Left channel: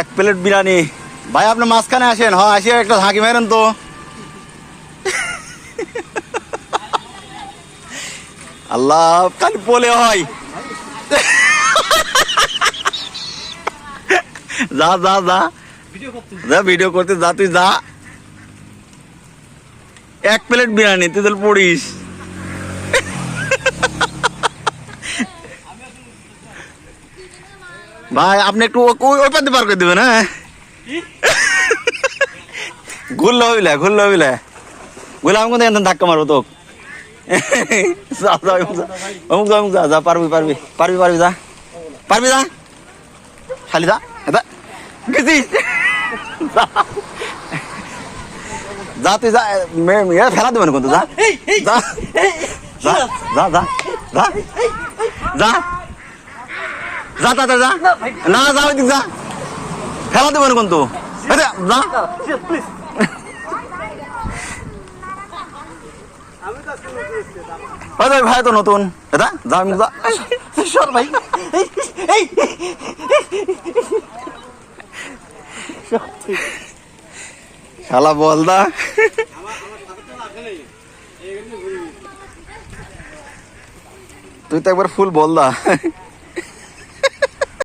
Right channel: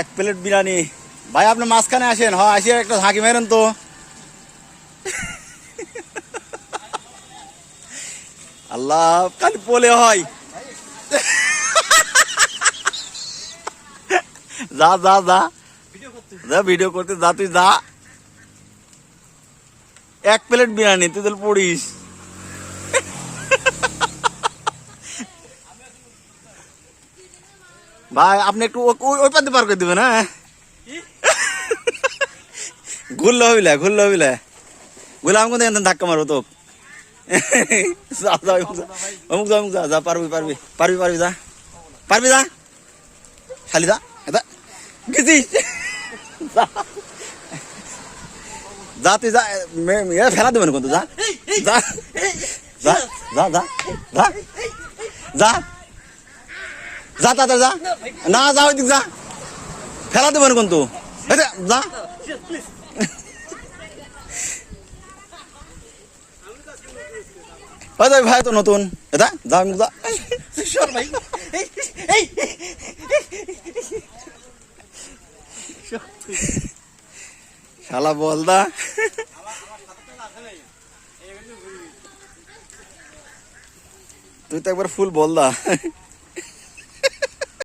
এক প্লেট বিরিয়ানি। ভাই আপনি মাঝখানে আসেন, হ্যাঁ আসে একটা ঝাঁকি মেরেন তো। আল্লাহ খালি বলে হয়। যা যা যা যা ভিডিও করতে যা, তুই যা। এক প্লেট বিরিয়ানি তুই তাহলে পড়িস। ভাই আপনি একটু ওই পাতে পার করে দেবেন। হ্যাঁ ঘুরলে হইলে ঘুরলে আমি কিন্তু ধাক্কা মারবো তো। অমুক যা যা, পারবি যা যা, খালি যা গেছিস যা তুই যা, ফেলা দেবেন কিন্তু যা যা যা যা যা যা যা যা তাড়াতাড়ি যা, না যা ওই দিক যা, ফেলা দেবেন কিন্তু যা। ভাই তো নতুন এটা যা যা ভাই। শালা বল দা, তুই তো একবার ফুল বল দা।